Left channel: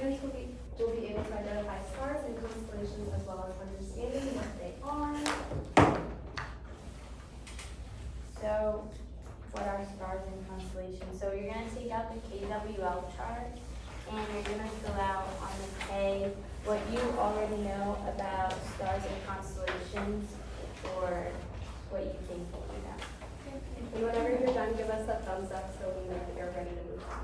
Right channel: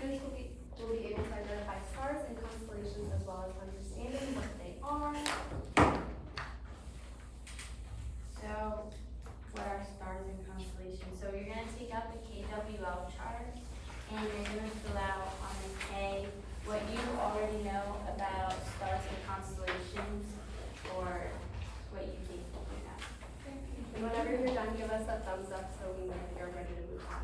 students will be able to identify stars and constellations as well as understanding what they are. So, what are stars and constellations? So you're going to take out the KWL chart and you're going to fill out on the K what you already know about stars and constellations or what you think you know. And whenever you're done, give us a thumbs up so we know that you're ready to move on.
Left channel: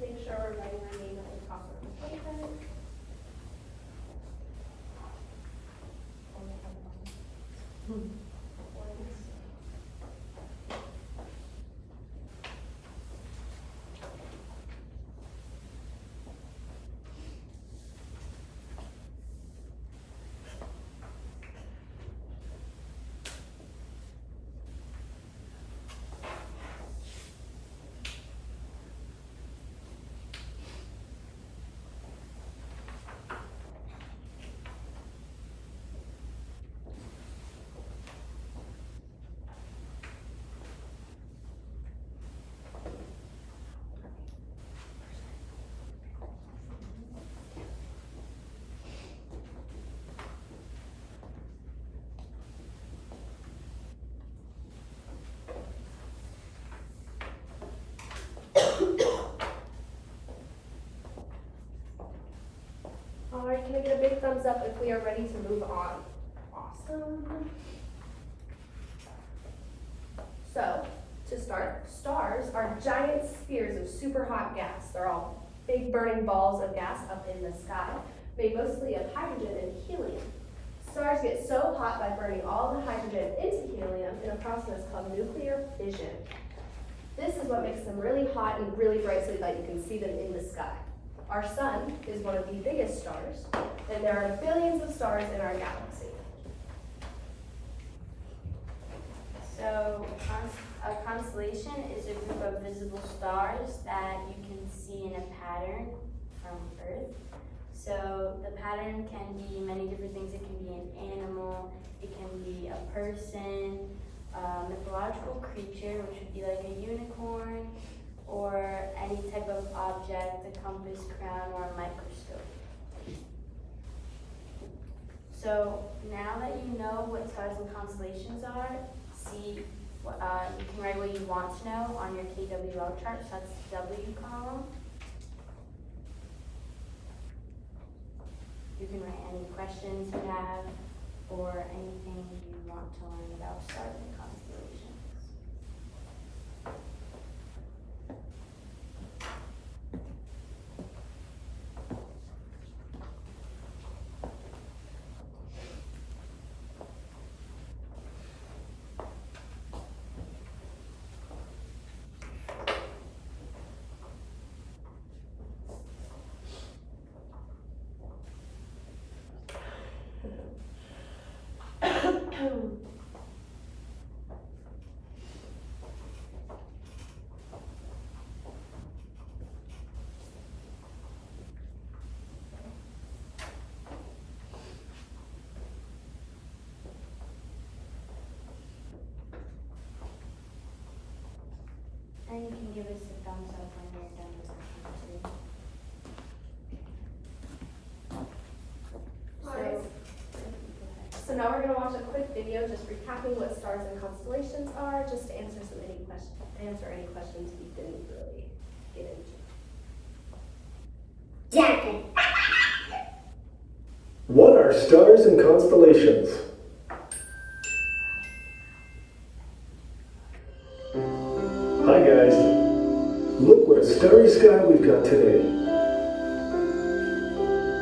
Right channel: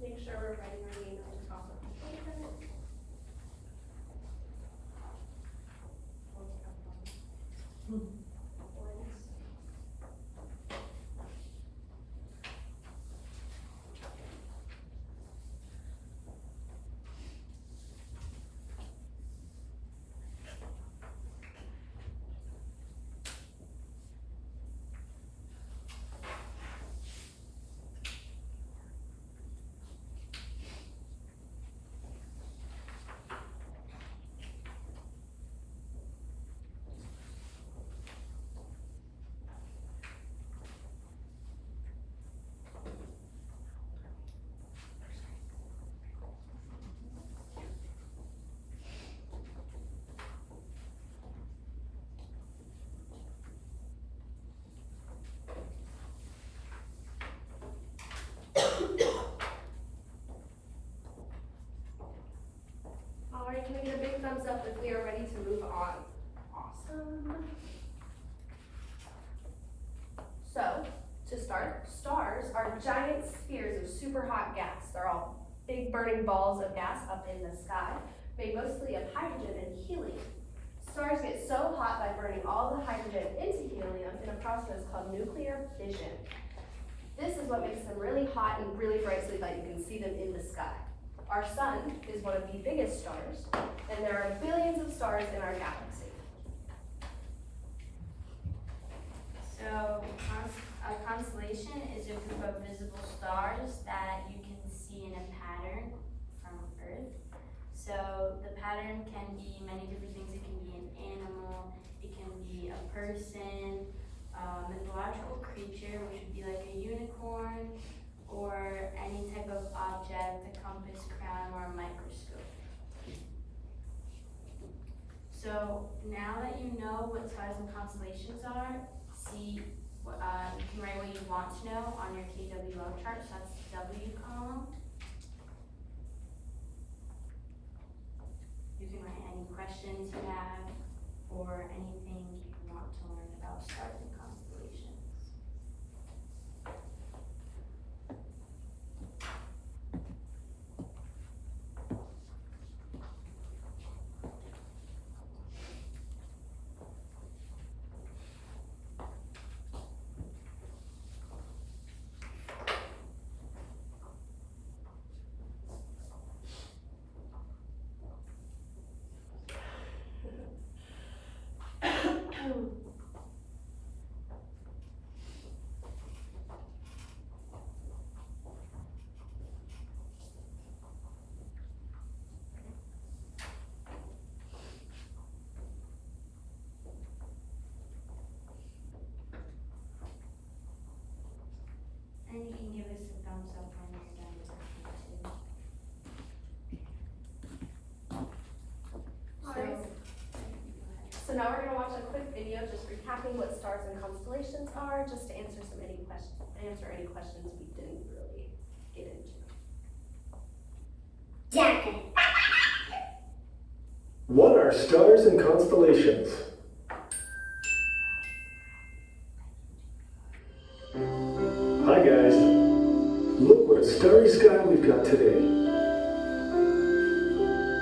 Make sure we're writing our name at the top of the statement. All right, can I get a big thumbs up if we are ready to move on? Awesome. So, to start, stars are giant spheres of super hot gas. They're all big burning balls of gas up in the sky, made mostly of hydrogen and helium. Stars get so hot by burning all the hydrogen into helium in a process called nuclear fission. This is what makes them really hot and really bright so that you can see them in the sky. Our sun is one of the biggest stars, and there are billions of stars in our galaxy. So, a constellation is a group of visible stars that you can see in a pattern from Earth. So, the pattern can be many different things. It can be an animal, it can be a person, a mythological creature, which would be like a unicorn, or any type of object, a compass, crown, or a microscope. So now that you know what stars and constellations are, see, you can write what you want to know on your KWL chart, so that's the W column. You can write any questions you have, or anything you want to learn about stars and constellations. And you can give us a thumbs up when you're done with that too. So now we're going to watch a quick video just recapping what stars and constellations are, just to answer any questions we didn't really get into. Yeah. What are stars and constellations? Hi guys, look what a starry sky we've got today.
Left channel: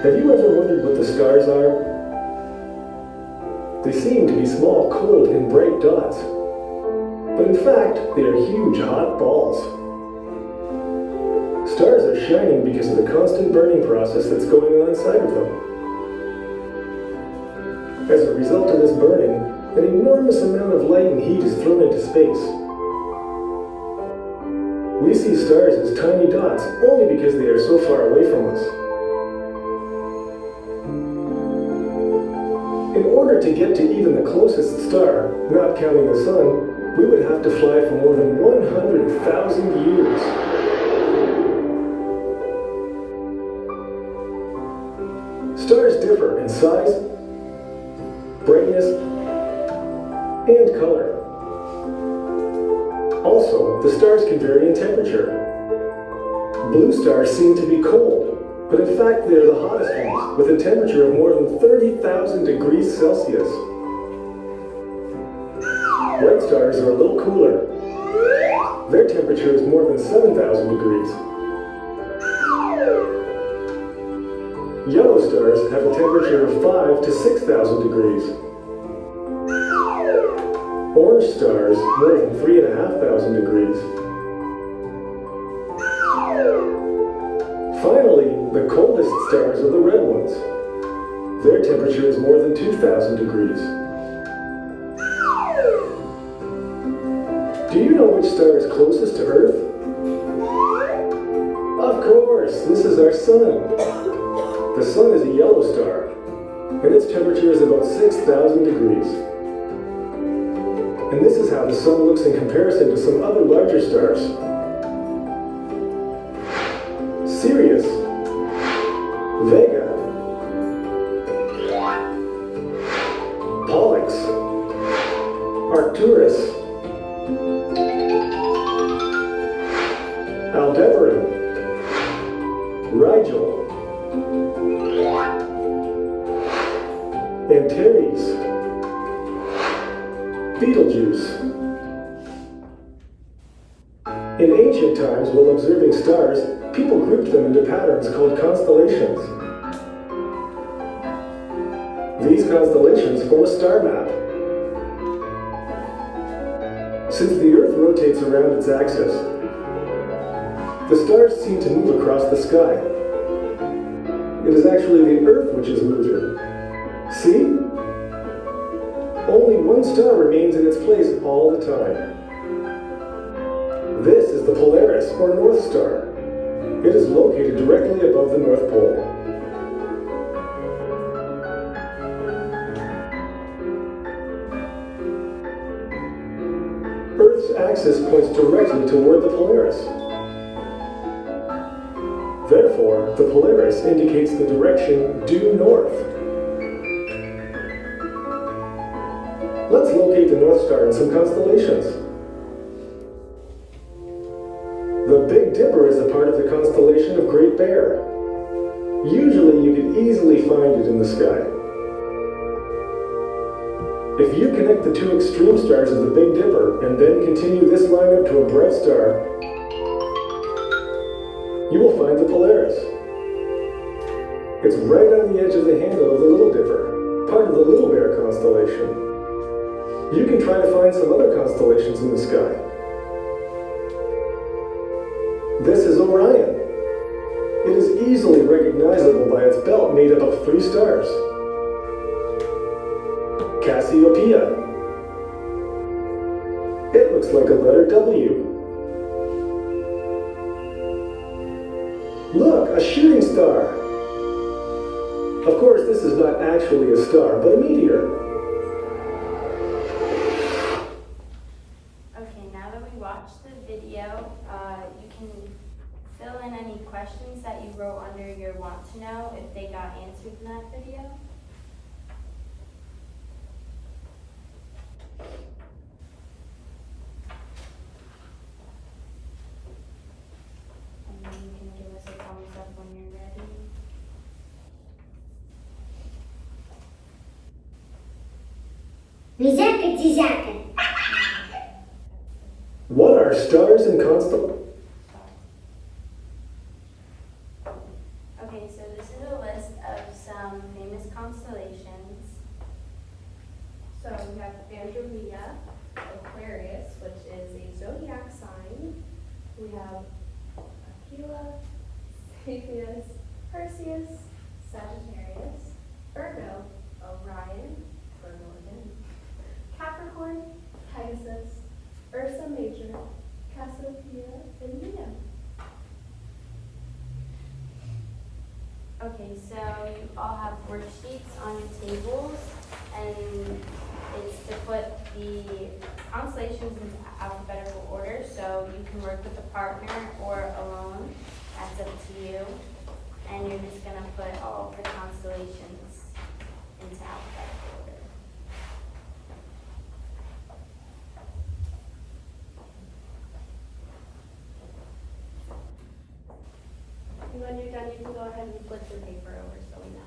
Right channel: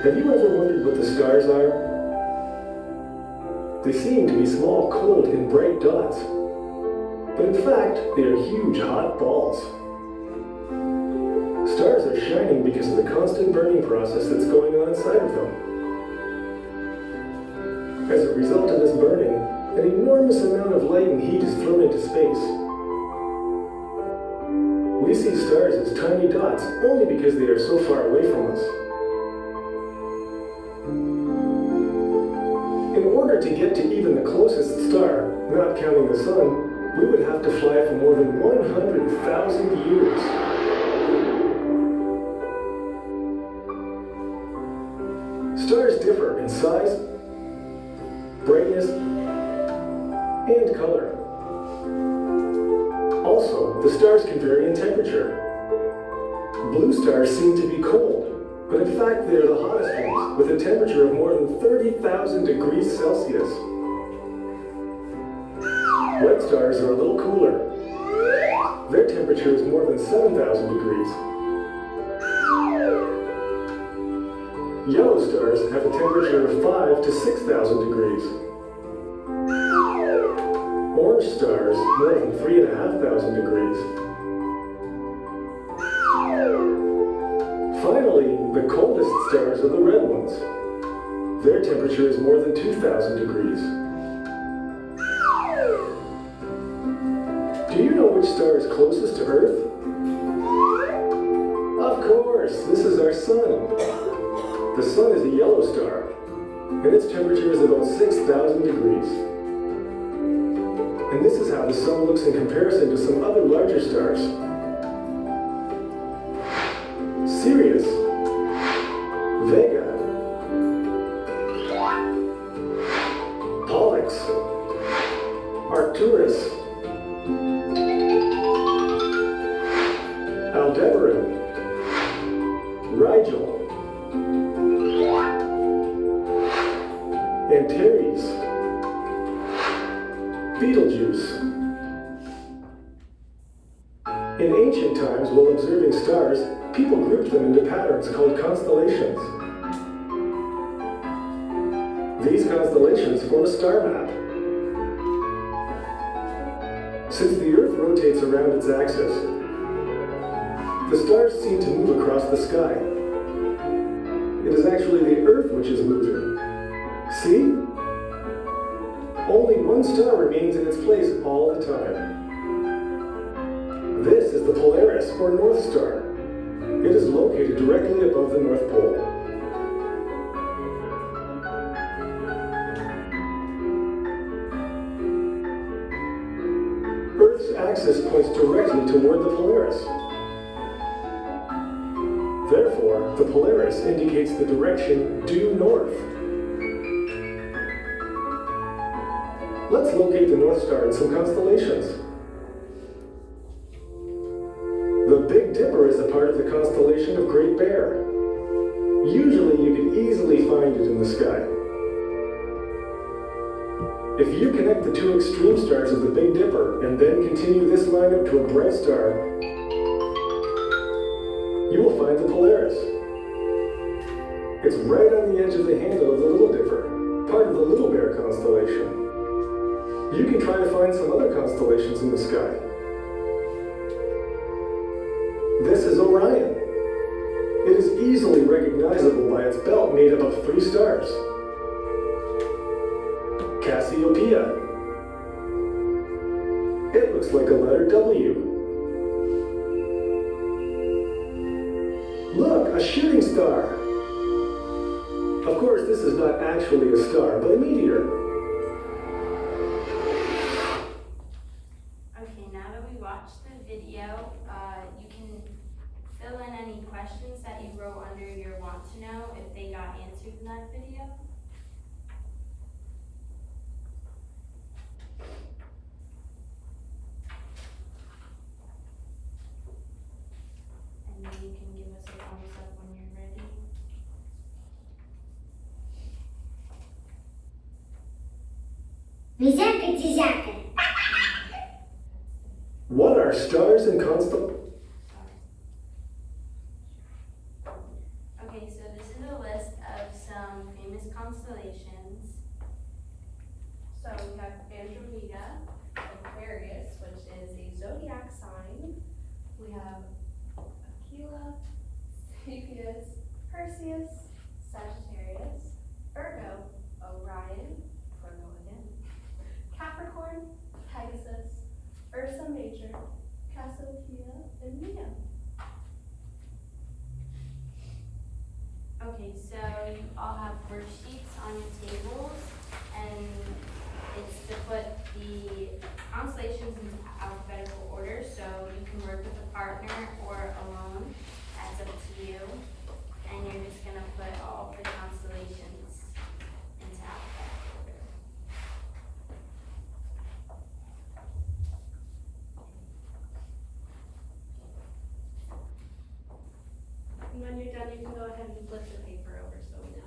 Have you ever wondered what the stars are? They seem to be small, cold, and bright dots. But in fact, they are huge, hot balls. Stars are shining because of the constant burning process that's going on inside of them. As a result of this burning, an enormous amount of light and heat is thrown into space. We see stars as tiny dots only because they are so far away from us. In order to get to even the closest star, not counting the sun, we would have to fly for more than 100,000 years. Stars differ in size, brightness, and color. Also, the stars can vary in temperature. Blue stars seem to be cold, but in fact they are the hottest ones, with a temperature of more than 30,000 degrees Celsius. White stars are a little cooler. Their temperature is more than 7,000 degrees. Yellow stars have a temperature of 5 to 6,000 degrees. Orange stars more than 3,500 degrees. Finally, the coldest stars are the red ones. Their temperature is more than 2,000 degrees. Do you know which star is closest to Earth? Of course, this is our sun. The sun is a yellow star, and its temperature is about 6,000 degrees. And this is how the sun looks in comparison to some other larger stars. Sirius, Vega, Pollux, Arcturus, Aldebaran, Rigel, Antares, Betelgeuse. In ancient times, while observing stars, people grouped them into patterns called constellations. These constellations form a star map. Since the Earth rotates around its axis, the stars seem to move across the sky. It is actually the Earth which is moving. See? Only one star remains in its place all the time. This is the Polaris, or North Star. It is located directly above the North Pole. Earth's axis points directly toward the Polaris. Therefore, the Polaris indicates the direction due north. Let's locate the North Star in some constellations. The Big Dipper is a part of the constellation of Great Bear. Usually you can easily find it in the sky. If you connect the two extreme stars of the Big Dipper and then continue this line up to a bright star, you will find the Polaris. It's right on the edge of the handle of the Little Dipper, part of the Little Bear constellation. You can try to find some other constellations in the sky. This is Orion. It is easily recognizable by its belt made up of 3 stars. Cassiopeia. It looks like a letter W. Look, a shooting star. Of course, this is not actually a star, but a meteor. Okay, now that we watched the video, you can fill in any questions that you wrote under your want to know if they got answered in that video. And then you can give us a thumbs up when you're ready. Мизяка-дизяка. What are stars and constellations? Okay, so this is a list of we have Aquila, Cepheus, Perseus, Sagittarius, Virgo, Orion, Virgo again, Capricorn, Pegasus, Ursa Major, Cassiopeia, and Leo. Okay, so you all have worksheets on your tables, and it's to put the constellations into alphabetical order, so you can work with a partner or alone, that's up to you. And you're just gonna put all of the constellations into alphabetical order. And when you're done, you can go ahead and flip your paper over so we know.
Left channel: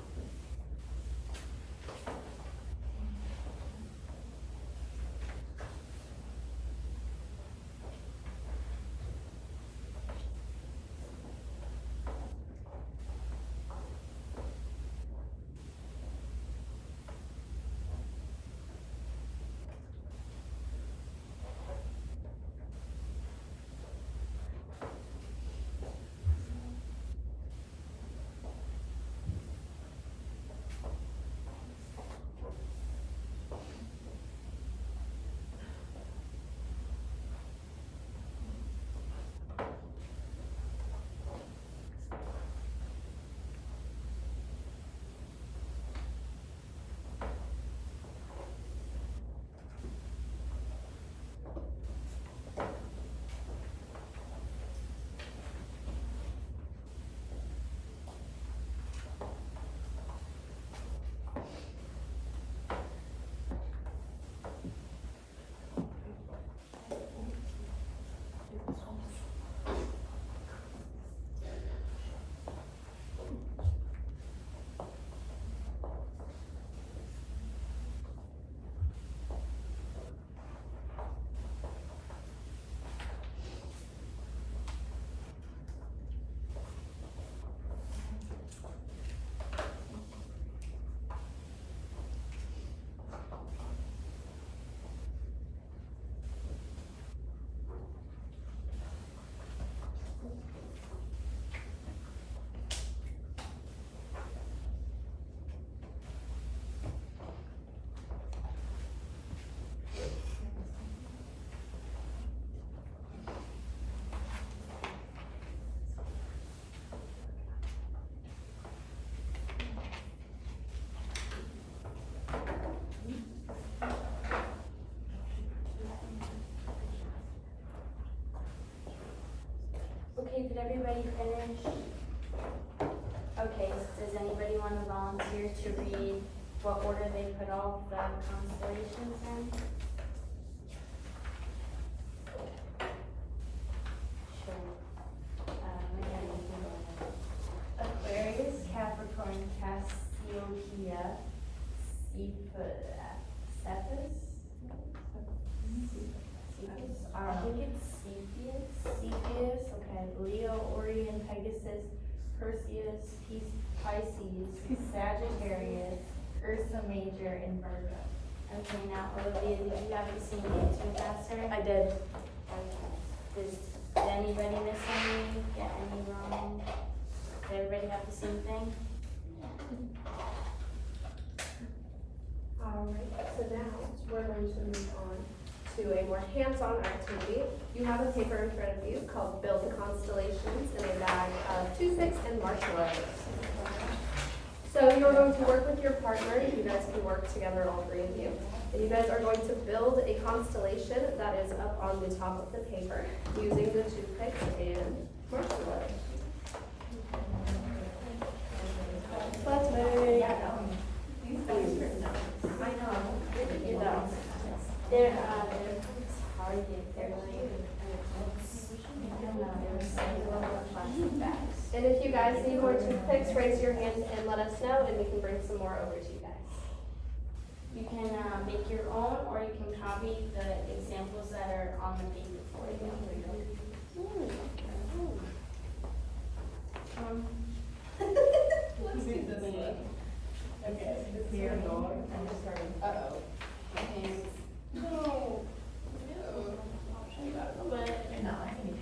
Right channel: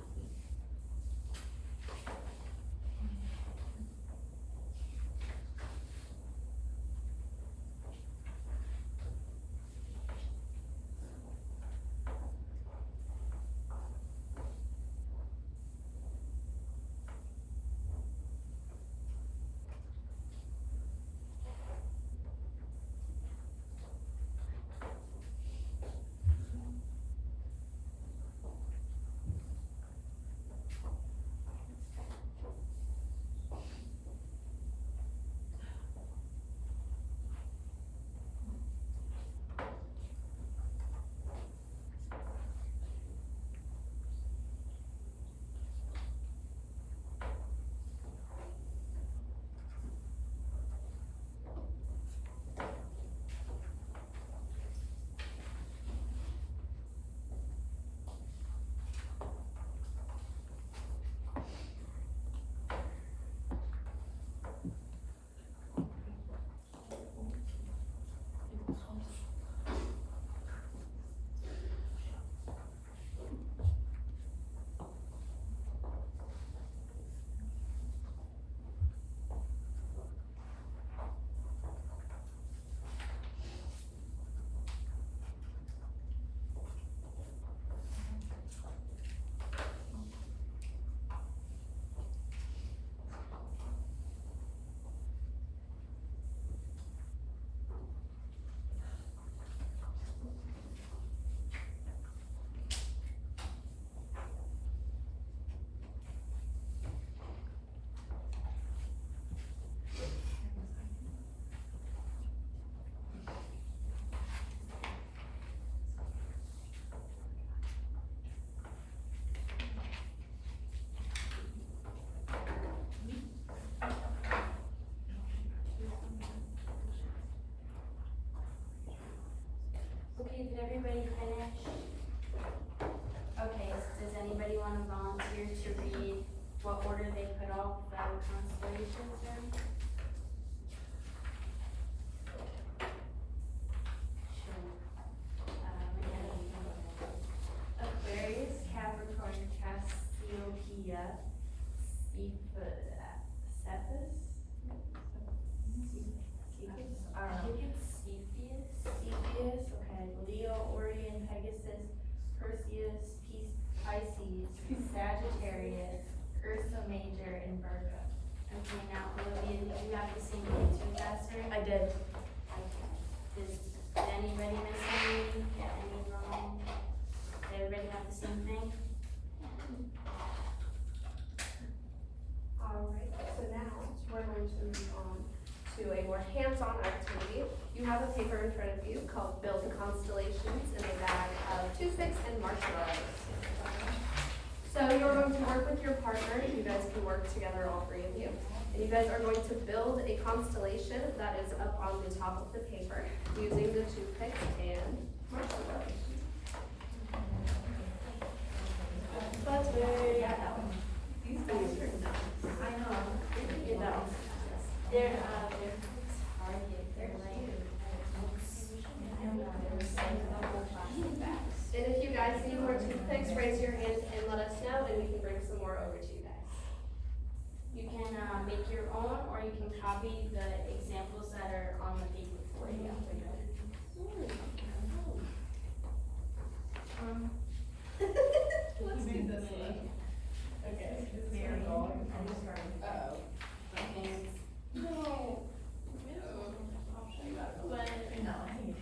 Okay, did everybody finish? Okay, does anybody want to volunteer to read what order they put all the constellations in? Sure. Again, you can go ahead. Aquarius, Capricorn, Cassiopeia, Cepheus. I think it's Cepheus. Cepheus, okay, Leo, Orion, Pegasus, Perseus, Pisces, Sagittarius, Ursa Major, and Virgo. Okay, now Olivia, did you have the same answer as that, sir? I did. Did anybody miss any, get any wrong? Did everybody have the same thing? Alright, so now we're going to move on to a more hands-on activity. You have a paper in front of you called Build the Constellations in a bag of toothpicks and marshmallows. So you're going to work with your partner. You guys can work together, all three of you. And you guys are going to build a constellation that is up on the top of the paper using the toothpicks and marshmallows. That's very These guys are nuts. I know. You're done. They're Target, they're like, And if you guys need more toothpicks, raise your hand and let us know, and we can bring some more over to you guys. you can make your own, or you can copy the examples that are on the paper for you. Okay, here, I'm just starting. Uh-oh. And, No. No. but, No, I think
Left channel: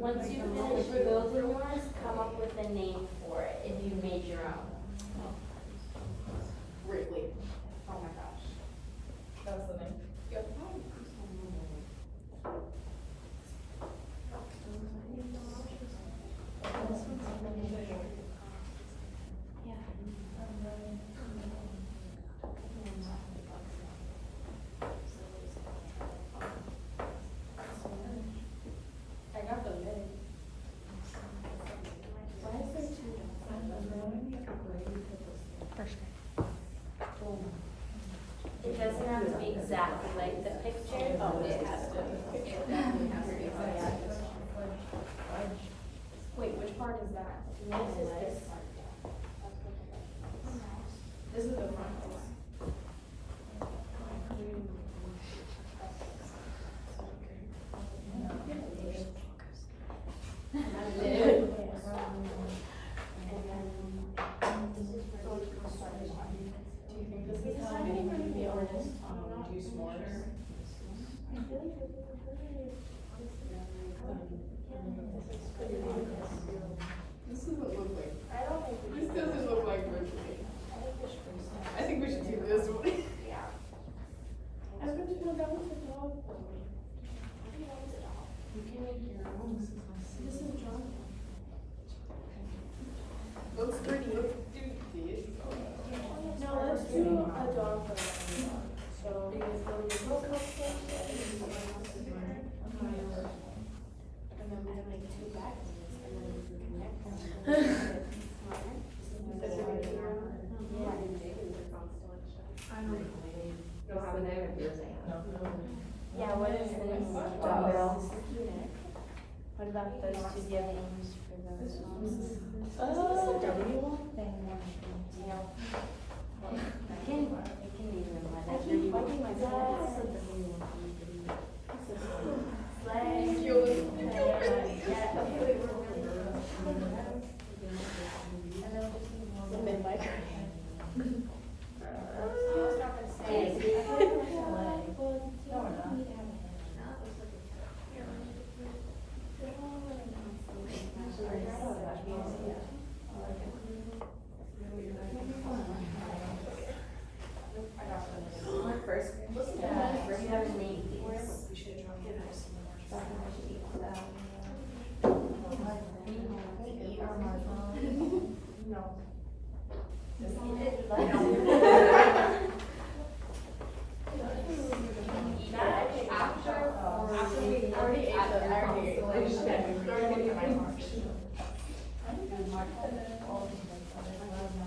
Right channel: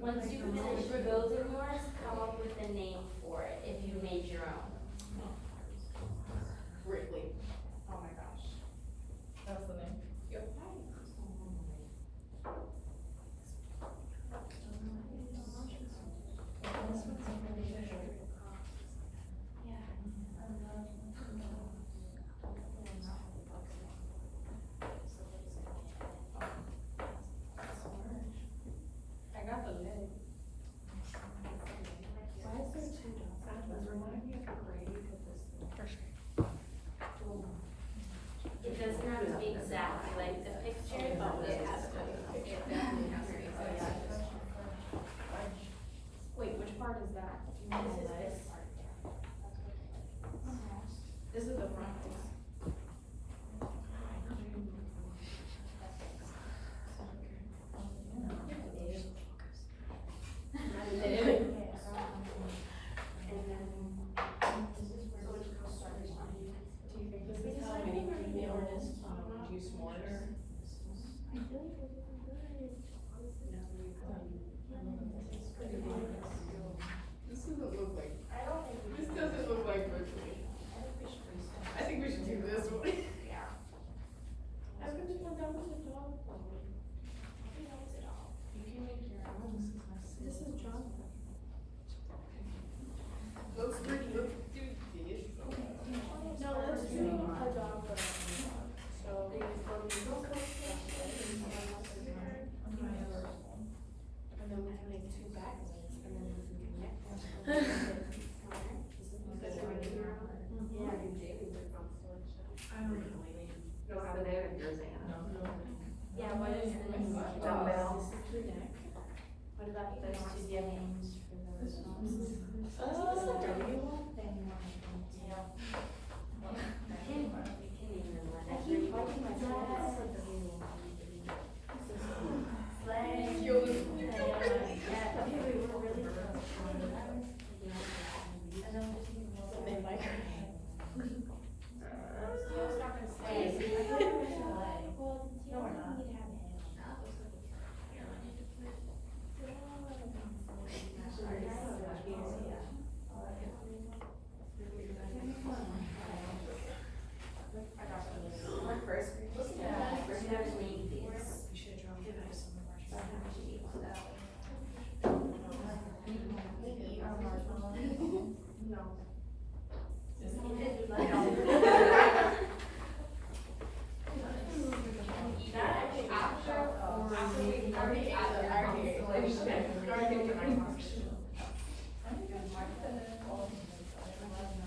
Once you finish building one, come up with a name for it if you made your own. Wrigley. Oh my gosh. That was the name. Yep. I got the lid. It doesn't have to be exactly like the picture, but it has to. Wait, which part is that? This is this part. This is the front piece. This doesn't look like, I don't think we this doesn't look like Wrigley. I think we should do this one. I really want that was a dog one. You can make your own. This is John. Looks pretty, look, do this. No, let's do a dog first. So, And then we have like two back ones, and then we can connect them. Yeah, what is this? What about those two games for those ones? Oh,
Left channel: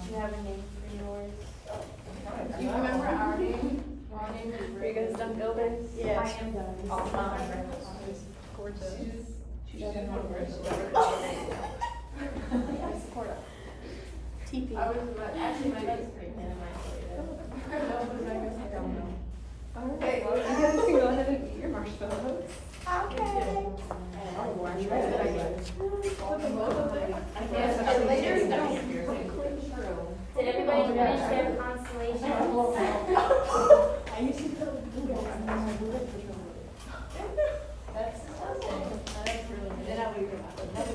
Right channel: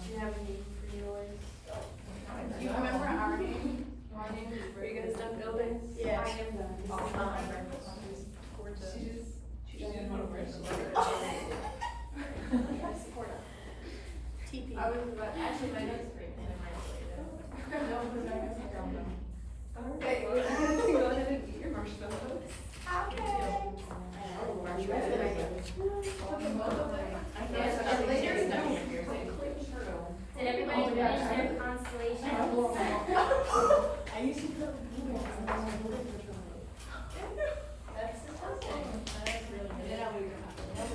Do you have a name for yours? Do you remember our name? Are you gonna start building? Yes. I was actually my next grade then I might say that. No, but my next grade, I don't know. Okay, well, you guys can go ahead and eat your marshmallows. Okay. Did everybody finish their constellation? I used to tell Google, I'm on my Google picture.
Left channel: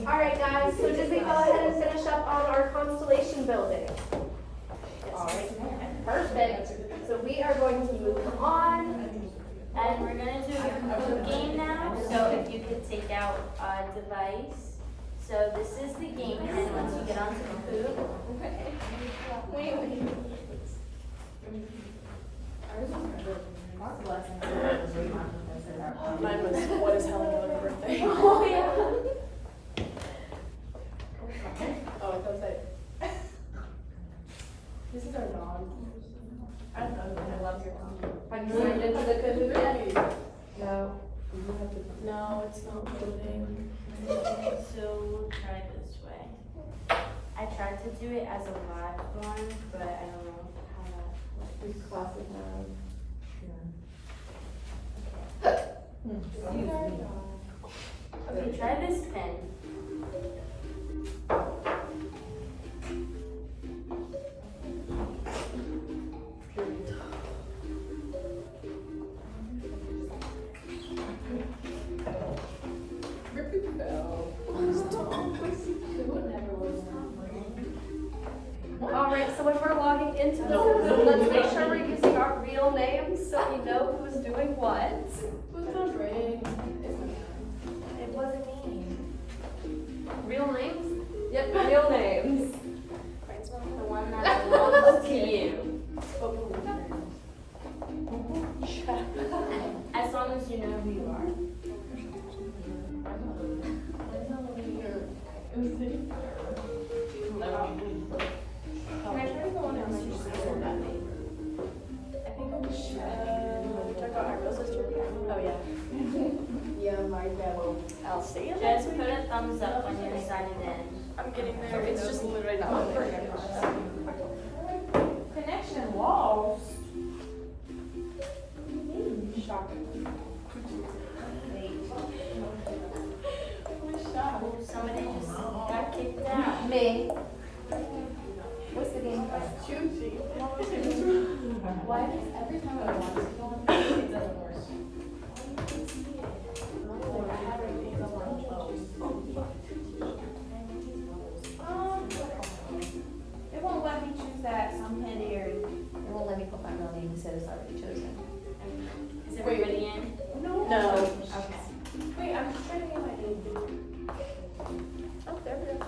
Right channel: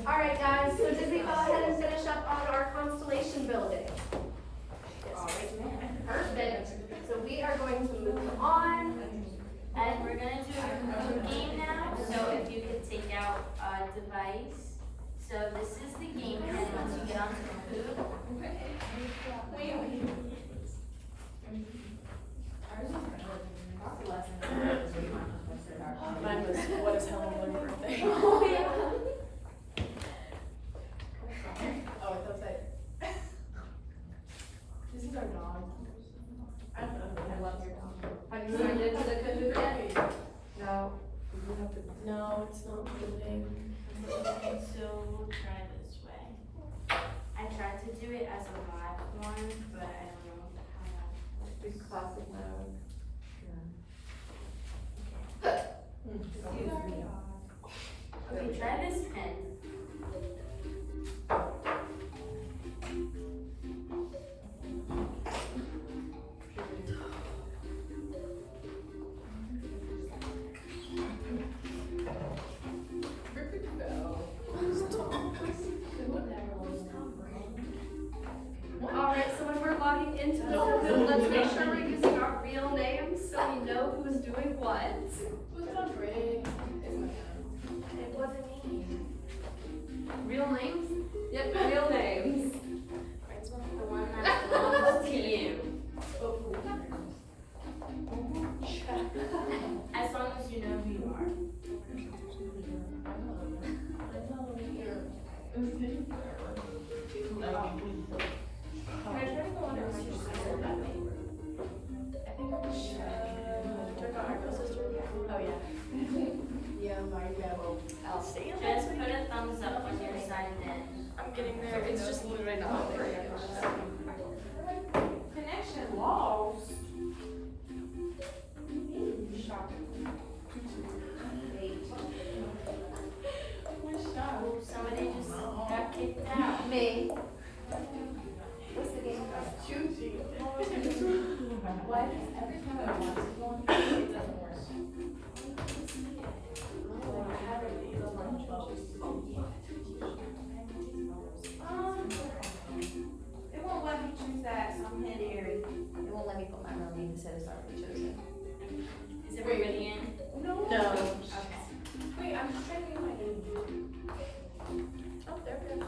alright guys, so did we go ahead and finish up on our constellation building? Alright, perfect. So we are going to move on. And we're gonna do a food game now, so if you could take out a device. So this is the game, and once you get onto the food, Mine was, what is having another birthday? Oh, yeah. Oh, it does that. This is our dog. I don't know, I love your dog. Have you signed into the Kahoot yet? No. No, it's not loading. so we'll try this way. I tried to do it as a live one, but I don't know how that works. Classes now. Okay, try this pen. names so we know who's doing what. Was it on break? It wasn't me. Real names? Yep, real names. The one that belongs to you. As long as you know who you are. Can I try to go on and see who that name? I think I'm oh yeah. Yeah, my devil. I'll see it. Just put a thumbs up when you're signed in. I'm getting there. It's just literally not connection lost. Shocking. Oh, somebody just got kicked out. Me. What's the game? Choosing. Why does every time I want to go on, it doesn't work? It won't let me choose that, so I'm handy area. It won't let me put my real name, it says already chosen. Is everybody in? No. Okay. Wait, I'm just trying to get my name. Oh, there we go.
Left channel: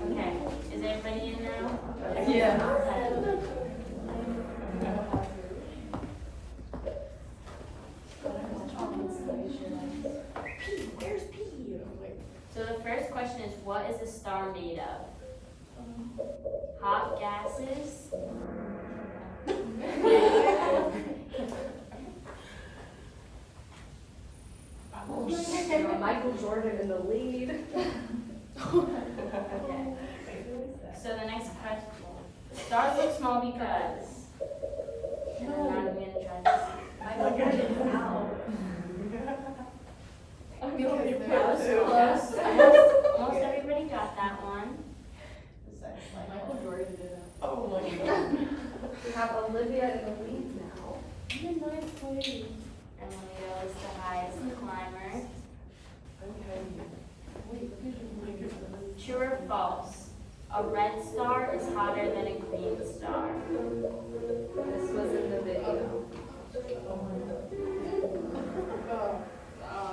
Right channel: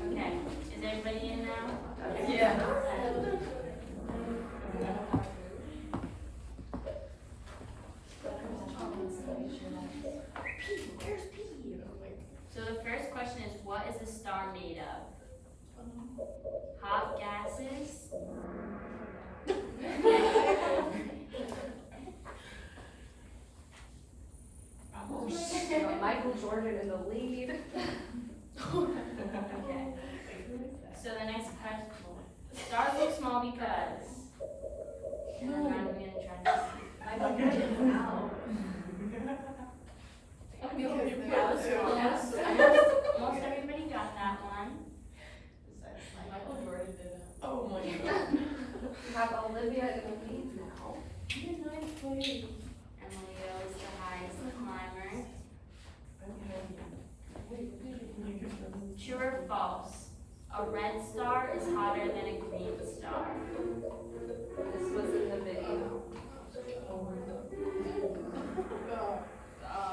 Okay. Is everybody in now? Yeah. There's P. So the first question is, what is a star made of? Hot gases? Michael Jordan in the lead. Okay. So the next question. Stars look small because. And then I'm gonna try to see. That was close. Almost everybody got that one. Oh my god. We have Olivia in the lead now. And then we go as the highest climber. True or false? A red star is hotter than a green star. This was in the video.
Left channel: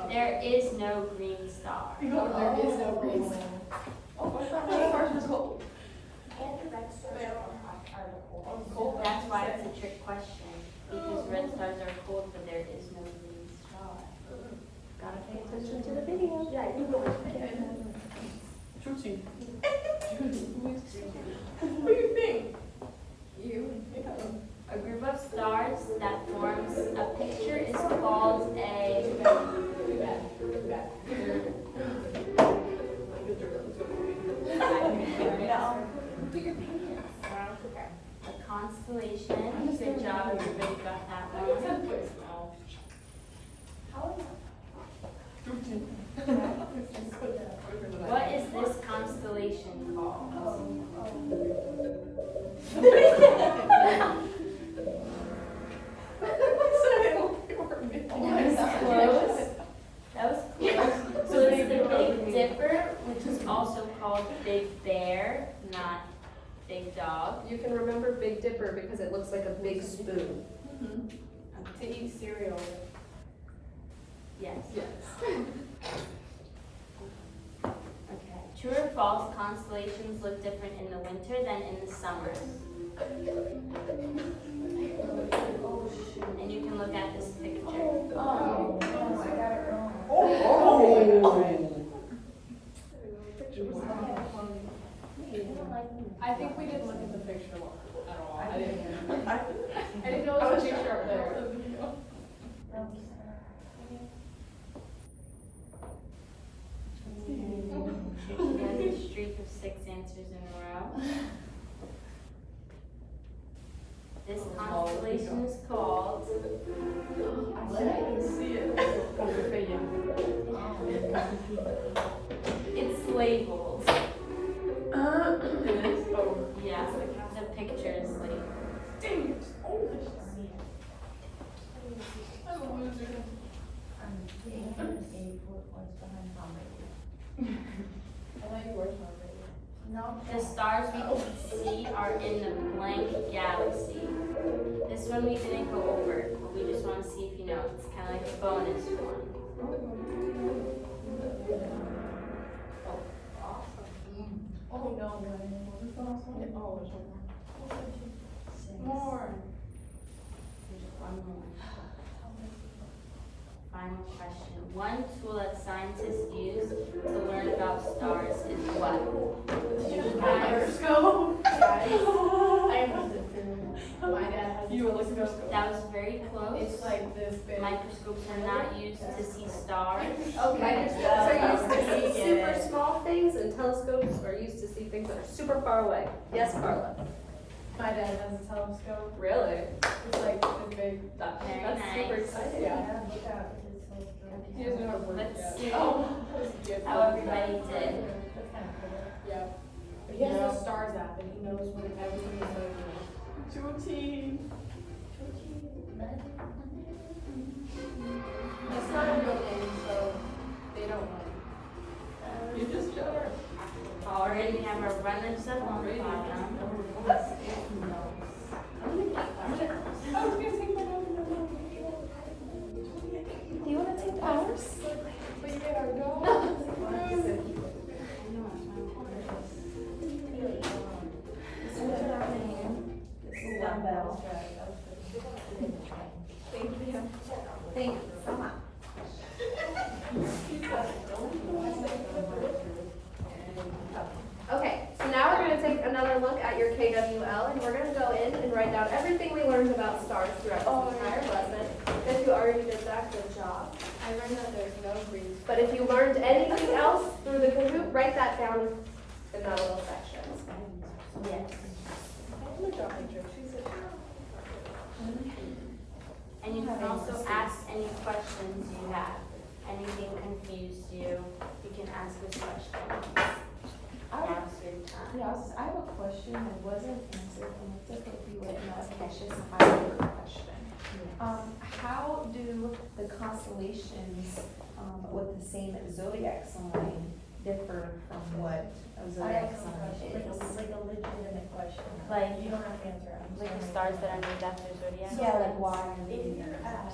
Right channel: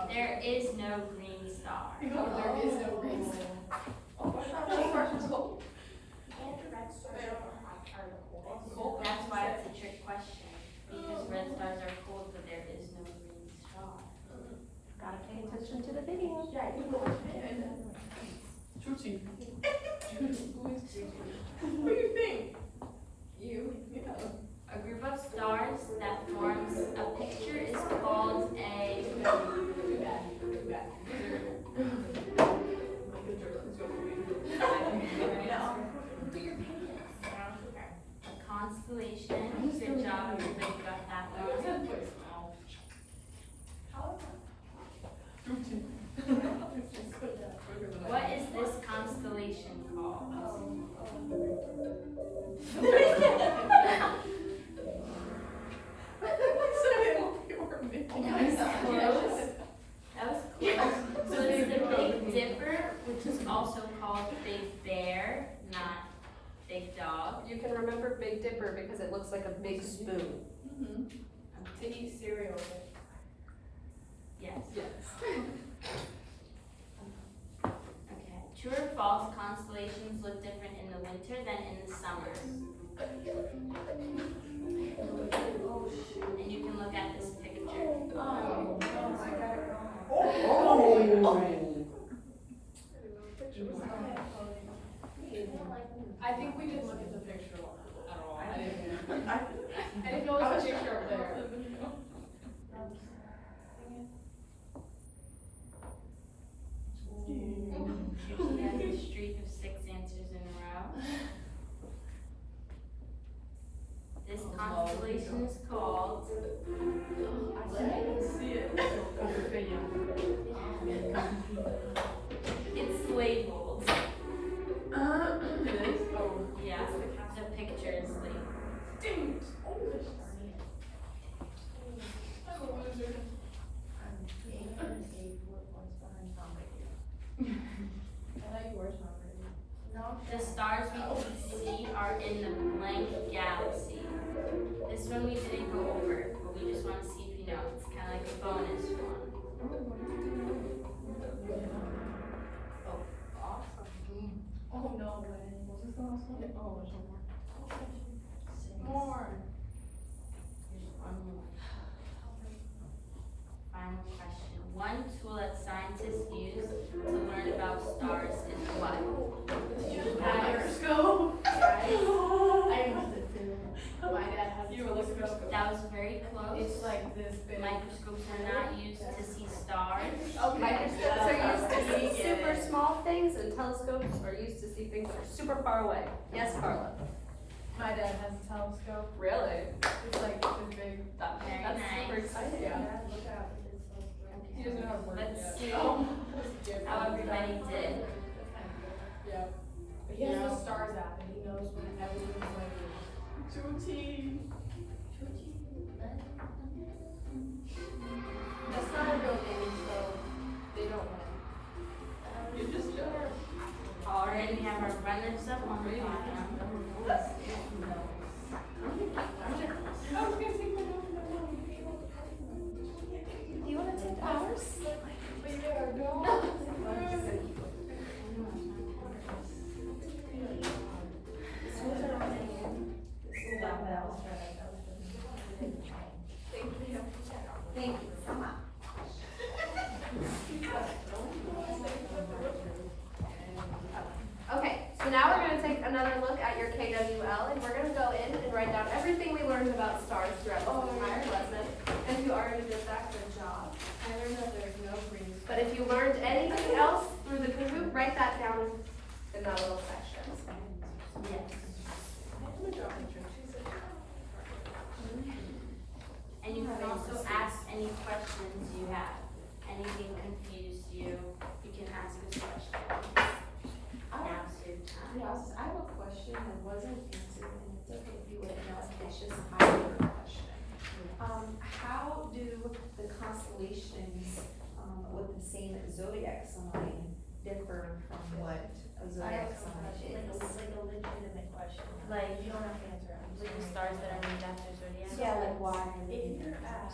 There is no green star. There is no reason. Oh, I thought my first was cold. That's why it's a trick question. Because red stars are cold, but there is no green star. Gotta pay attention to the video. Yeah, you know. Shooting. What do you think? You? A group of stars that forms a picture is called a constellation. Good job, everybody got that one. What is this constellation called? That was close. So it's the Big Dipper, which is also called Big Bear, not Big Dog. You can remember Big Dipper because it looks like a big spoon. To eat cereal. Yes. Yes. Okay. True or false, constellations look different in the winter than in the summer. And you can look at this picture. Oh, I got it wrong. I think we didn't look at the picture at all. I didn't know it was a picture up there. She has a streak of 6 answers in a row. This constellation is called. I can see it. It's labeled. It is? Oh. Yeah, the picture is labeled. Dang it. Oh, I'm a loser. The stars we can see are in the blank galaxy. This one we didn't go over, but we just want to see if you know. It's kind of like a bonus one. Oh, no way. More. One more. Final question. One tool that scientists use to learn about stars is what? Microscope. I must have too. My dad has. You were looking at. That was very close. It's like this big. Microscopes are not used to see stars. Okay. So used to see super small things, and telescopes are used to see things that are super far away. Yes, Carla? My dad has a telescope. Really? It's like this big. That's Very super nice. exciting. Yeah. He doesn't know how to work Let's yet. see Oh. how everybody did. Yeah. But he has a stars app and he knows when everything is like. Chuchi. That's not a real name, so they don't know. You just joke. Already have our runners up on the bottom. I was gonna take my own. Do you want to take powers? But yeah, no. Thank you so much. Okay, so now we're going to take another look at your KWL, and we're going to go in and write down everything we learned about stars throughout this entire lesson. If you already did that, good job. I learned that there's no green. But if you learned anything else through the Kahoot, write that down in that little section. Yes. I'm gonna draw a picture. And you can also ask any questions you have. Anything confused you, you can ask us questions. Now's your time. Yes, I have a question that wasn't answered, and it's okay if you wouldn't know, it's just a higher question. How do the constellations, with the same zodiac sign differ from what a zodiac sign is? Like a legitimate question. Like- You don't have to answer it. I'm Like the sorry. stars that are named after zodiac. Yeah, like why?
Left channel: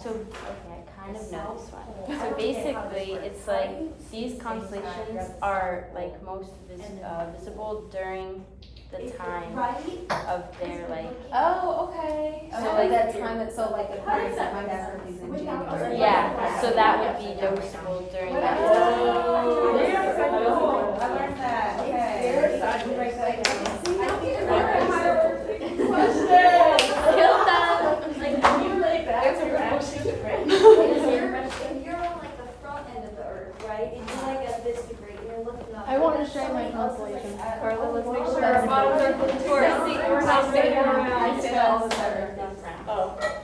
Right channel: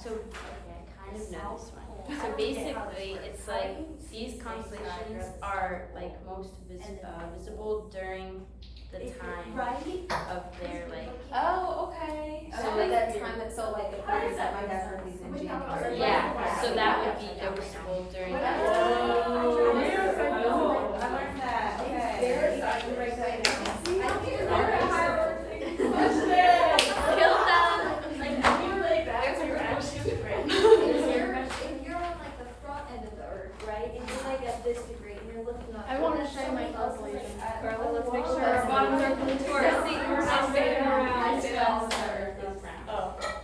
So, okay, I kind of know this one. So basically, it's like, these constellations are like most visible during the time of their like, Oh, okay. So So like like that time that, so like the parties that my dad is in January. yeah, so that would be noticeable during that time. Oh, I learned that, okay. If you're on like the front end of the earth, right, if you're like at this degree, you're looking up. I want to share my constellation. Carla, let's make sure Our bottoms are to our seat. We're not standing around.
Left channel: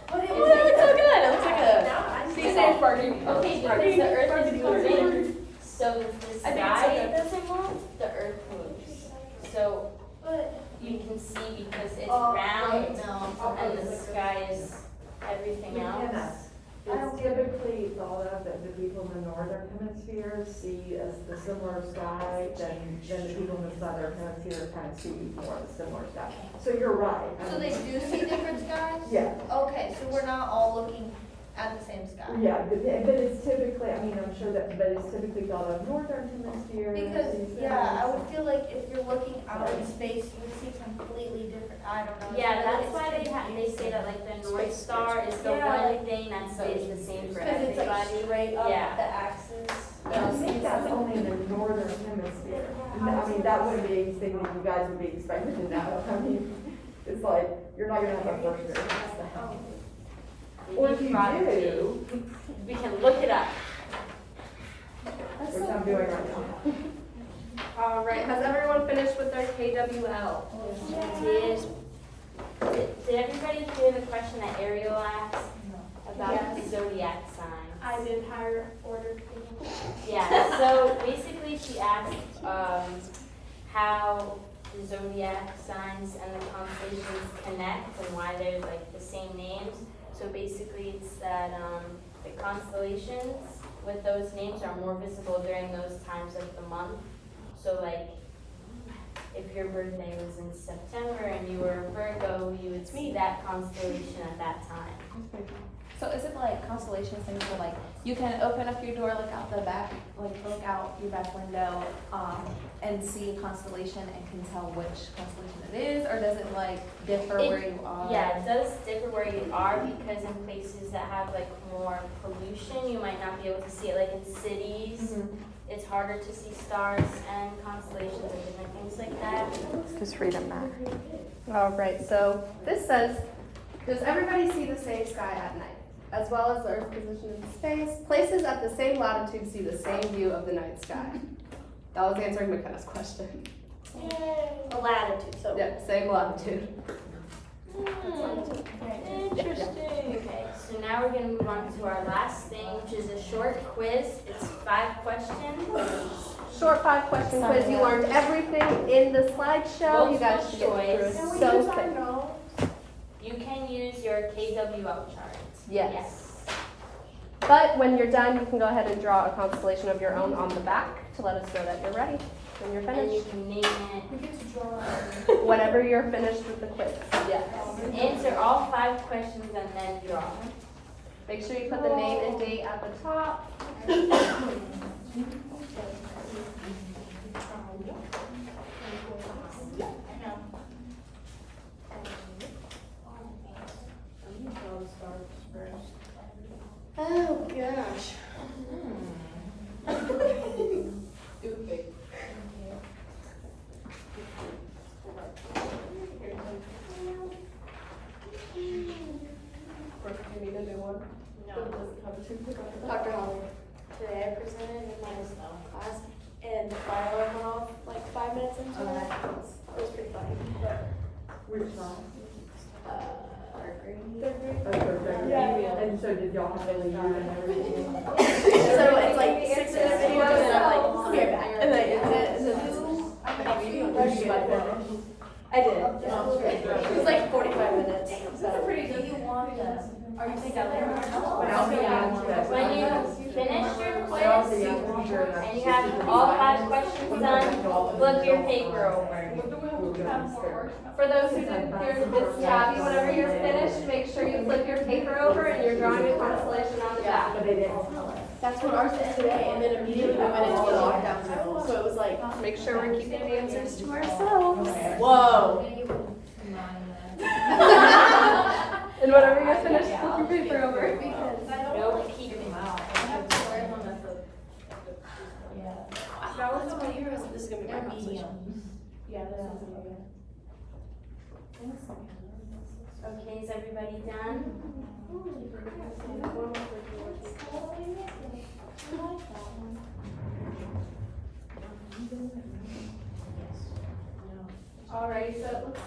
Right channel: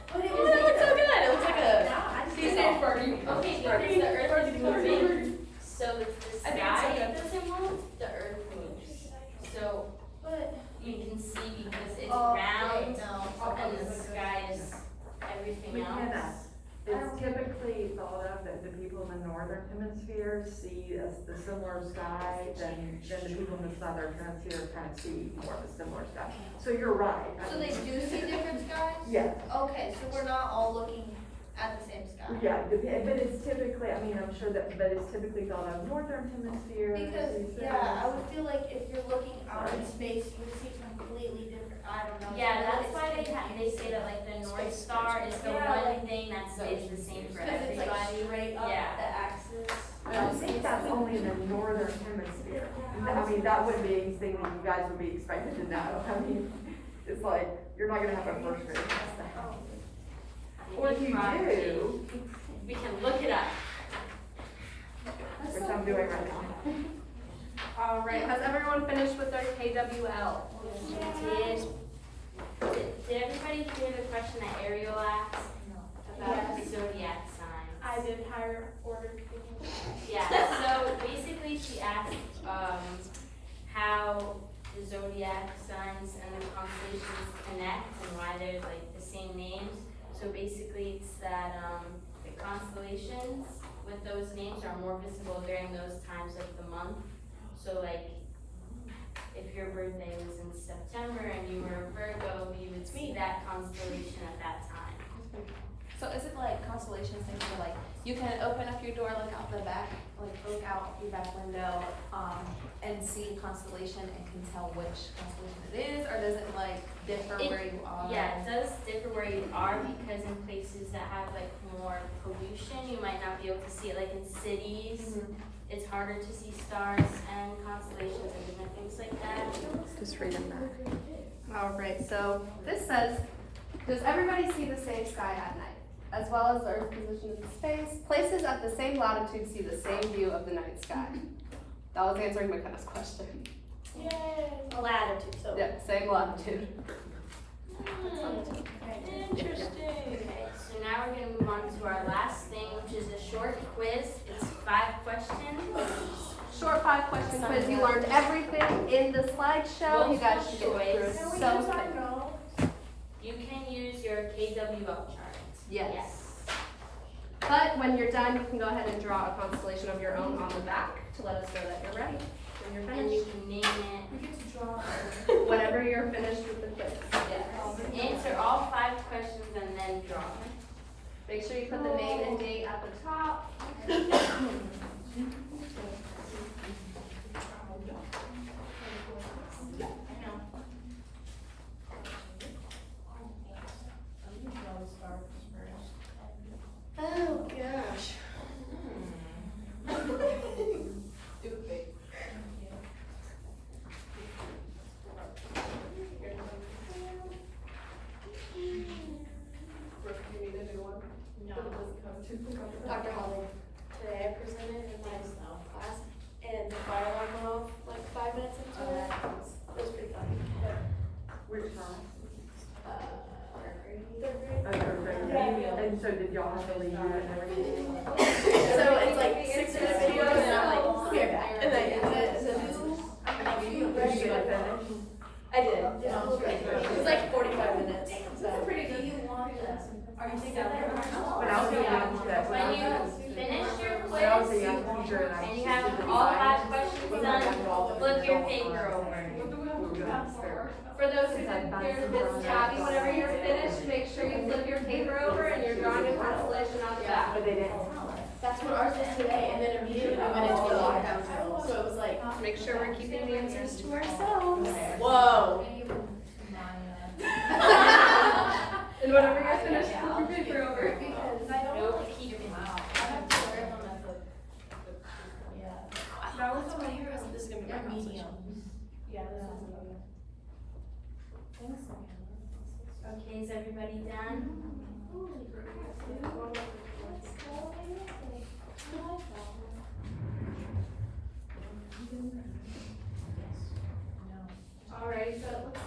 But it It was. looks so good, it looks so good. Be safe, party. Okay, because the earth is moving, so the sky doesn't move, the earth moves. So But. you can see because it's Oh, round no. and the sky is everything else. It's typically thought of that the people in the northern hemisphere see as the similar sky, then the people in the southern hemisphere kind of see more of the similar sky. So you're right. I So mean, they do see different skies? Yeah, Okay, so we're not all looking at the same sky? yeah, but it's typically, I mean, I'm sure that, but it's typically thought of northern hemisphere. Because, sees yeah, I this. would feel like if you're looking out in space, you would see completely different, I don't know. Yeah, that's why they say that like the North Star is the one thing that stays the same for Because it's like everybody. straight up Yeah. the axis. I think that's only in the northern hemisphere. I mean, that wouldn't be anything that you guys would be expected to know. I mean, it's like, you're not gonna have a first grade test. Or if you do, We can look it up. which I'm doing right now. All right, has everyone finished with their KWL? Did everybody hear the question that Ariel asked about the zodiac signs? I did higher order people. Yeah, so basically she asked, how the zodiac signs and the constellations connect and why they're like the same names. So basically it's that, the constellations with those names are more visible during those times of the month. So like, if your birthday was in September and you were a Virgo, you would see that constellation at that time. So is it like constellation things where like you can open up your door, look out the back, like look out your back window, and see a constellation and can tell which constellation it is, or does it like differ It- where you are? Yeah, it does differ where you are because in places that have like more pollution, you might not be able to see it. Like in cities, it's harder to see stars and constellations and different things like that. Just read them back. All right, so this says, does everybody see the same sky at night, as well as the Earth's position in space? Places at the same latitude see the same view of the night sky. That was answering McKenna's question. The latitude, so. Yep, same latitude. Interesting. Okay, so now we're gonna move on to our last thing, which is a short quiz. It's 5 questions. Short 5-question quiz. You learned everything in the slideshow. You guys should get through it so quick. You can use your KWL chart. Yes. But when you're done, you can go ahead and draw a constellation of your own on the back to let us know that you're ready when you're And you finished. can name it. Whenever you're finished with the quiz. Yes. Answer all 5 questions and then draw. Make sure you put the name and date at the top. Oh, gosh. Today I presented and then last, and the fire alarm went off like 5 minutes into it. It was pretty funny. Which side? Third grade. That's okay. Yeah. And so did y'all have any use and everything? So it's like 6 minutes video and then I'm like, okay, back. And then in the news, Did you get finished? I did. It was like 45 minutes. So. Pretty good. Are you thinking there? When I was young, that When you finish your when I was a quiz young teacher and I and you have all 5 questions done, flip your paper over. For those who did it's tabby, whenever you're finished, make sure you flip your paper over and you're drawing a constellation on the back. But they didn't. That's what ours is today, and then immediately I went into a lockdown. So it was like, Make sure we're keeping the answers to ourselves. whoa. And whenever you're finished, flip your paper over. Nope, keep it. That one's my heroes, this is gonna be my medium. Yeah, this is medium. Okay, is everybody done? Alrighty, so it looks